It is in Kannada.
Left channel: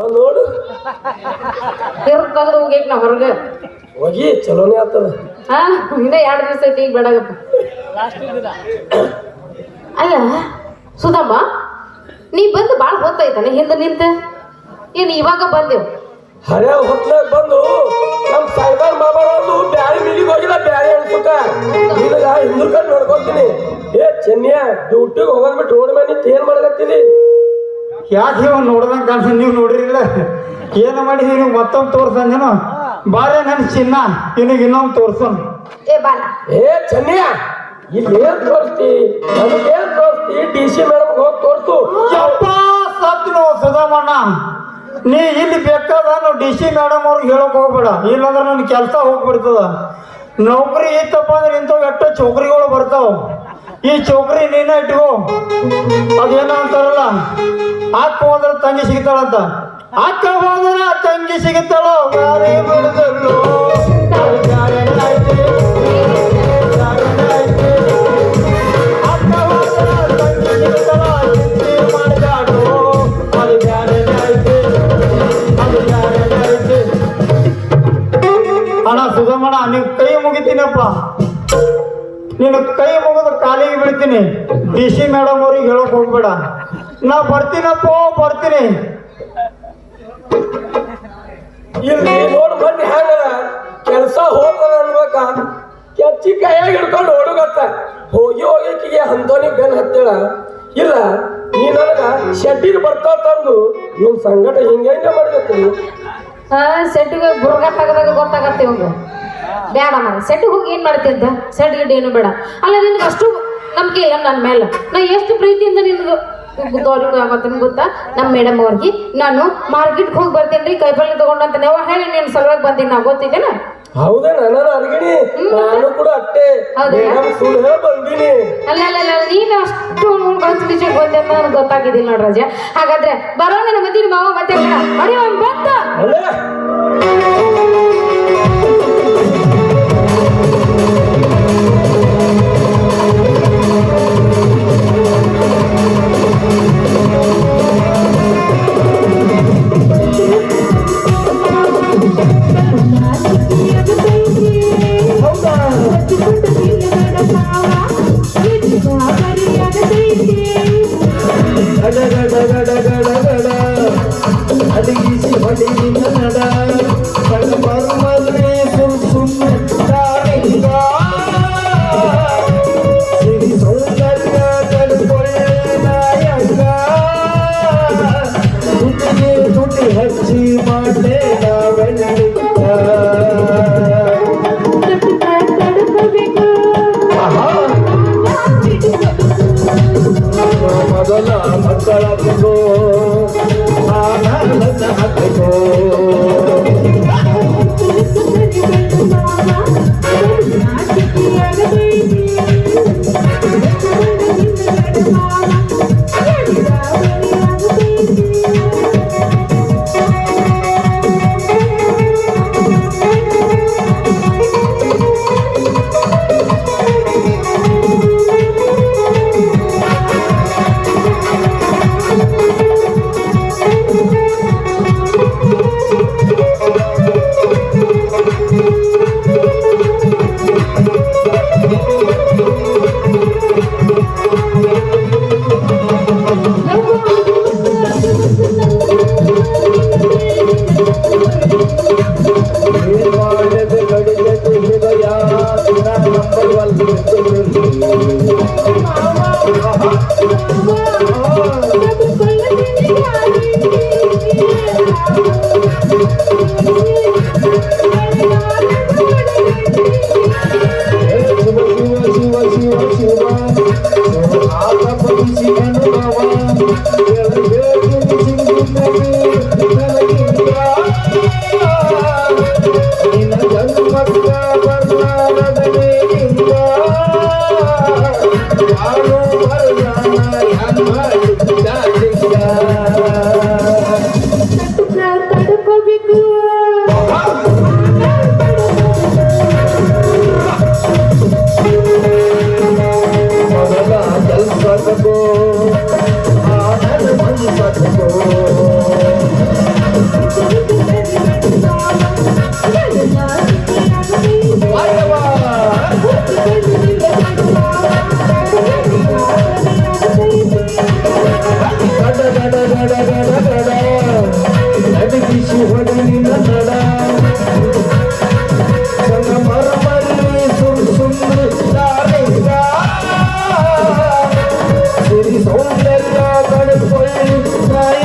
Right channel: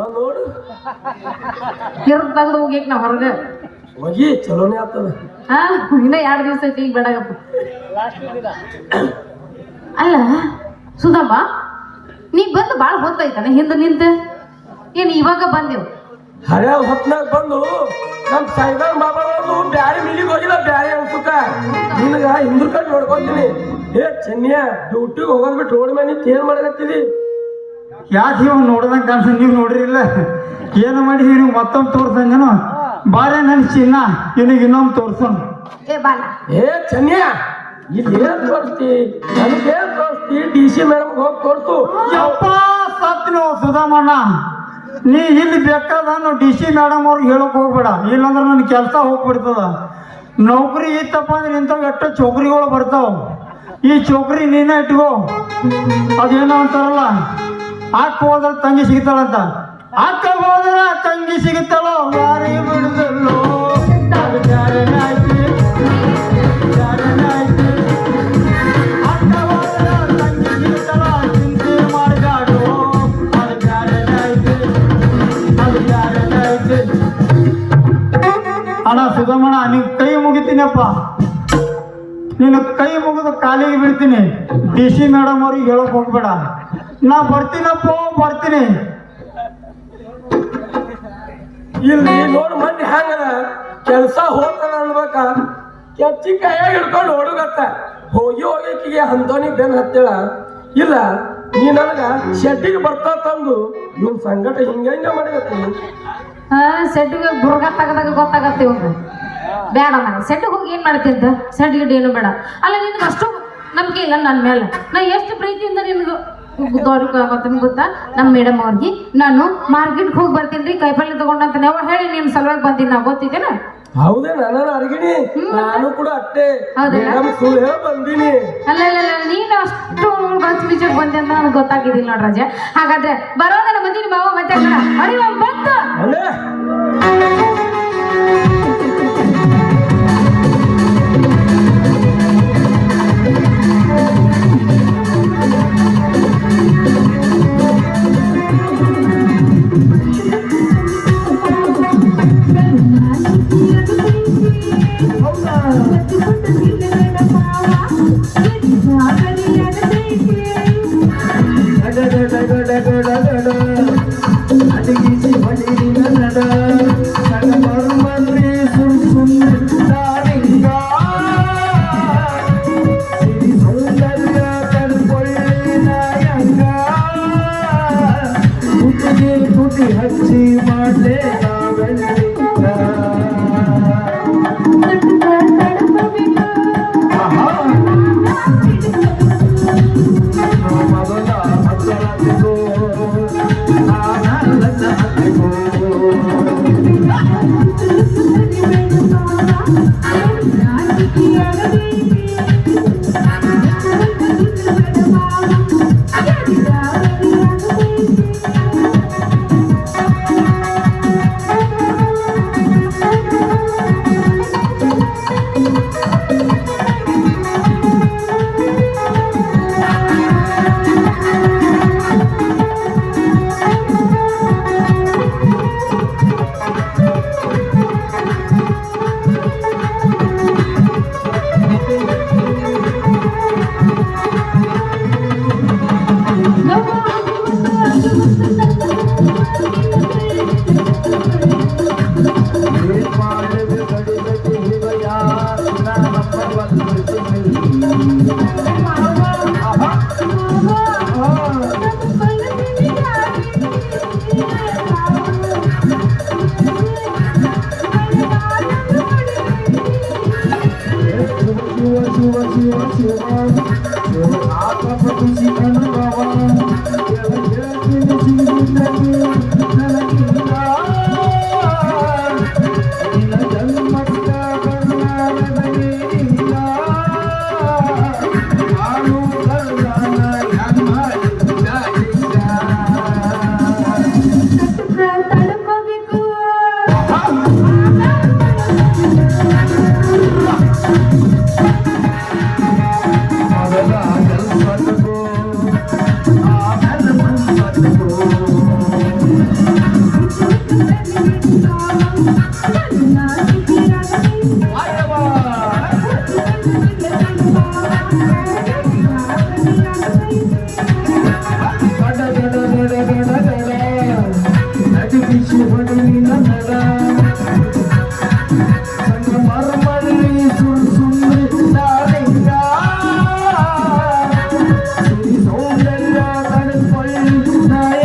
ನೋಡು ತಿರ್ಗ್ ತೆಗೆದು ಹೋಗ್ಯಾಕ ನಾ ಹೊರಗೆ ಹೋಗಿ ಚಲೋನೇ ಆಗ್ತದ. ಹಾ ಇನ್ನ 2 ದಿವಸ ಐತಿ ಈಗ ಬೇಡಗಪ್ಪ. ಅಲ್ಲ ಸುಧಮ್ಮ, ನೀ ಬಂದು ಭಾಳ ಹೊತ್ತಾಯ್ತಾನೆ ಹಿಂದೆ ನಿಂತ, ಏನು ಇವಾಗ ಬಂದೆವು? ಹರ್ಯಾಗ ಹೊತ್ನಾಗ ಬಂದು ನಮ್ಮ ಸಾಯ್ದಾರ್ ಬಾಬಾ ಅವರು ಬ್ಯಾರಿ ಮಿಲ್ಲಿಗೆ ಹೋಗಿಲ್ಲ, ಬ್ಯಾರಿ ಅನ್ಸುತ್ತ ನಿನಗ ಹಿಂದೂಕ ನೋಡ್ಕೊಂತೀನಿ. ಏ ಚೆನ್ನಿಯ ಡ್ಯೂಟಿಗೆ ಹೋಗೋದ್ ಬಿಟ್ಟು ರೋಡ್ ಮೇಲೆ ಏನ್ ಮಾಡಕತ್ತೀರಿ? ಯಾಕೆ ನೀವು ನೋಡ್ದಂಗೆ ಕಾಣಿಸ, ನೀವು ನೋಡಿರಿಲ್ಲ ಏನು ಮಾಡಿದೀರಿ? ನೀವು ಮತ್ತೊಂದು ತೋರ್ಸಂದೇನು? ಬಾರೆ ನನ್ನ ಚಿನ್ನ ನಿನಗೆ ಇನ್ನೊಂದು ತೋರ್ಸೋಣ. ಏ ಬಾಲ ಏ ಚೆನ್ನಿಯ ಇಲ್ಲಿ ಏನ್ ತೋರಿಸ್ತಿ? ನನಗೇನ್ ತೋರಿಸ್ತಿ? DC ಮೇಡಮ್ ಹೋಗಿ ತೋರ್ಸು. ಯಪ್ಪ ಸತ್ನು ಸುಧಾಮಣ್ಣ, ನೀ ಇಲ್ಲಿ ಬೇಕಾದ DC ಮೇಡಮ್ ಅವ್ರಿಗೆ ಹೇಳಕ್ ಹೋಗ್ಬೇಡ, ಇಲ್ಲಾಂದ್ರೆ ನನ್ನ ಕೆಲಸ ಹೋಗ್ಬಿಡ್ತದ. ನೌಕರಿ ಇತ್ತಪ್ಪ ಅಂದ್ರೆ ಇಂಥವು ಎಷ್ಟೋ ಚೌಕರಿಗಳು ಬರ್ತಾವ. ಈ ಚೌಕರಿ ನೀನೇ ಇಟ್ಕೋ. ಅದೇನೋ ಅಂತಾರಲ್ಲ, ಅಕ್ಕ ಹೋದ್ರೆ ತಂಗಿ ಸಿಗ್ತಾಳಂತ. ಅಕ್ಕ ಹೋದ್ರೆ ತಂಗಿ ಸಿಗುತ್ತಾಳೋ ಮಾರಿ ಬಿಡುದಲ್ಲೋ. ಅಣ್ಣ ಸುಧಮಣ್ಣ, ನೀವು ಕೈ ಮುಗಿತೀನಪ್ಪ, ನೀನು ಕೈ ಮುಗಿದು ಕಾಲಿಗೆ ಬೀಳ್ತೀನಿ. DC ಮೇಡಮ್ ಅವ್ರಿಗೆ ಹೇಳಕ್ ಹೋಗ್ಬೇಡ. ನಾ ಬರ್ತೀನಪ್ಪ, ಬರ್ತೀನಿ. ಇಲ್ಲಿ ನೋಡ್ ಮಂದಿ ಹೆಂಗದ, ಕೆಲಸ ಹೋಗ್ತದ ಅನ್ಬೇಕ, ಕೆಚ್ಚಿ ಕೈಯಾಗ ಹಿಡ್ಕೊಂಡು ಹೊಡಗತ್ತ. ಹೋಗಿ ಹೋಗಿಕಿಗೆ ಅಂತೋನಿ ಬೆನ್ ಹತ್ತೇಳ. ಇಲ್ಲ ನೀ ನನಗ ಶೆಡ್ಡಿಗೆ ಬರ್ತಾ ತಂದು ಇವ್ನ ಸಂಗಟ ಹಿಂಗ ಮಾಡಕತ್ತೀನಿ. ಹಾ ಸೆಟ್ಟಿಗೆ ಬುರ್ಗ ತೆಗದಾಗ ಗೊತ್ತಾಗತ್ತೆ ಇವಾಗ. ಬೇಡ ಮನೆ ಸೆಟ್ಟಿಗೆ ಹೋಗಿ ಏನು ಮಾಡ್ತಿದ್ದ? ಸೆಟ್ ಗಿಡ್ ಏನು ಬೇಡ. ಅಲ್ಲ ನಿನಗೆ ಅಷ್ಟು ನಂಬಿಕೆ ಇಲ್ಲ ನನ್ನ ಮೇಲೆ. ನಾ ಎಷ್ಟು ಪ್ರೀತಿಯಿಂದ ನಿನಗೆ ತೋರಿಕಾಗತ್ತೇನೆ ಗೊತ್ತಾ? ನಮ್ಮ ಮೇಡಮ್ ಅವ್ರಿಗೆ ನಾನು ಮಾರ್ಕೆಟ್ಗೆ ಹೋಗಿ ಬರ್ತೇನೆ ರೀ, ಕೈಪಲ್ಲೆ ತಗೊಂಡಂತ ನಾವು ಹೇಳಿ ನೀನು ಸಲುವಾಗಿ ಬಂದೀನಿ. ನಾವು ಗೊತ್ತಿದ್ದೇನ? ಹೌದೇ, ನಾನು ಅರ್ಗಿಣಿ, ನಾನು ಕೂಡ ಅಷ್ಟೇ ಸುಳ್ಳು ಬಂದೀನಿ. ಅಲ್ಲ ನೀನು ಅಷ್ಟು ಬಂದು ಬಿಚ್ಚಕ್ಕೆ ಬಂದೆ ಅಂತ ನನಗೆ ಗೊತ್ತಾಗಿದ್ದಿಲ್ಲ ನೋಡ್ರಿ ರಾಜ. ಹಾಗಾದ್ರೆ ಬರೋಣ ಮದ್ದಿನ ಮಾವ ಮತ್ತೆ ಬಂತ ಅಲ್ಲೇ ಬಿಚ್ಚಿ ಹೊಡಿಲಿನ ನಡ ಸಂಗಮರ್ಮಲ್ಲಿ ಸುಂದ್ರಿ ನಾಳಿಗ ಸಿರಿ ಸೌಂದರ್ಯ ಕಡ್ಕೊಳ್ಳಿ ನಾಯಿ